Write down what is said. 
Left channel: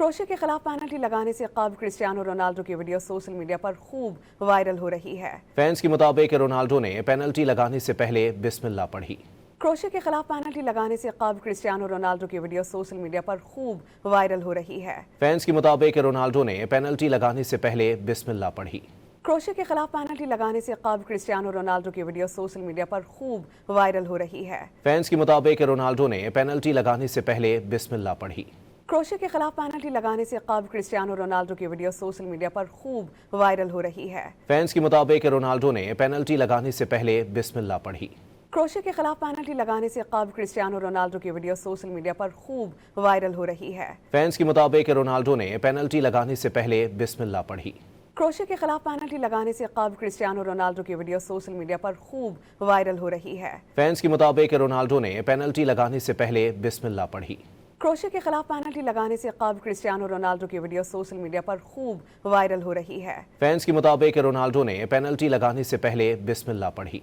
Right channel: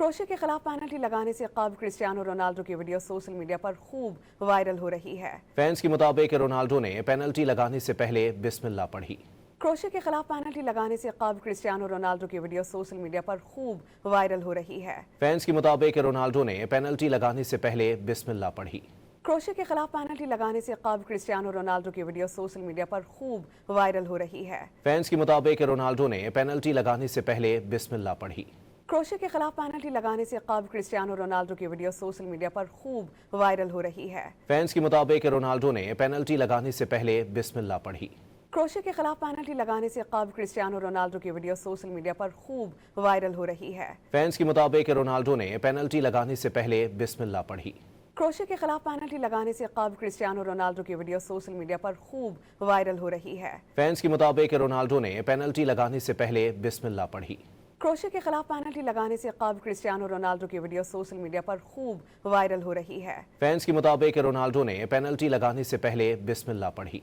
Crochet के खिलाफ penalty लगाने से कब्ल क्रिस्टियानो रोनाल्डो की वीडियो सोशल मीडिया पर खूब वायरल हो रही है। फैंस के मुताबिक रोनाल्डो ने पेनल्टी लगाने से पहले बिस्मिल्लाह पढ़ी। क्रोशिया के खिलाफ पेनल्टी लगाने से कब्ल क्रिस्टियानो रोनाल्डो की वीडियो सोशल मीडिया पर खूब वायरल हो रही है। फैंस के मुताबिक रोनाल्डो ने पेनल्टी लगाने से पहले बिस्मिल्लाह पढ़ी। क्रोशिया के खिलाफ पेनल्टी लगाने से कब्ल क्रिस्टियानो रोनाल्डो की वीडियो सोशल मीडिया पर खूब वायरल हो रही है। फैंस के मुताबिक रोनाल्डो ने पेनल्टी लगाने से पहले बिस्मिल्लाह पढ़ी। क्रोशिया के खिलाफ पेनल्टी लगाने से कब्ल क्रिस्टियानो रोनाल्डो की वीडियो सोशल मीडिया पर खूब वायरल हो रही है। फैंस के मुताबिक रोनाल्डो ने पेनल्टी लगाने से पहले बिस्मिल्लाह पढ़ी। क्रोशिया के खिलाफ पेनल्टी लगाने से कब्ल क्रिस्टियानो रोनाल्डो की वीडियो सोशल मीडिया पर खूब वायरल हो रही है। फैंस के मुताबिक रोनाल्डो ने पेनल्टी लगाने से पहले बिस्मिल्लाह पढ़ी। क्रोशिया के खिलाफ पेनल्टी लगाने से कब्ल क्रिस्टियानो रोनाल्डो की वीडियो सोशल मीडिया पर खूब वायरल हो रही है। फैंस के मुताबिक रोनाल्डो ने पेनल्टी लगाने से पहले बिस्मिल्लाह पढ़ी। क्रोशिया के खिलाफ पेनल्टी लगाने से कब्ल क्रिस्टियानो रोनाल्डो की वीडियो सोशल मीडिया पर खूब वायरल हो रही है। फैंस के मुताबिक रोनाल्डो ने पेनल्टी लगाने से पहले बिस्मिल्लाह पढ़ी।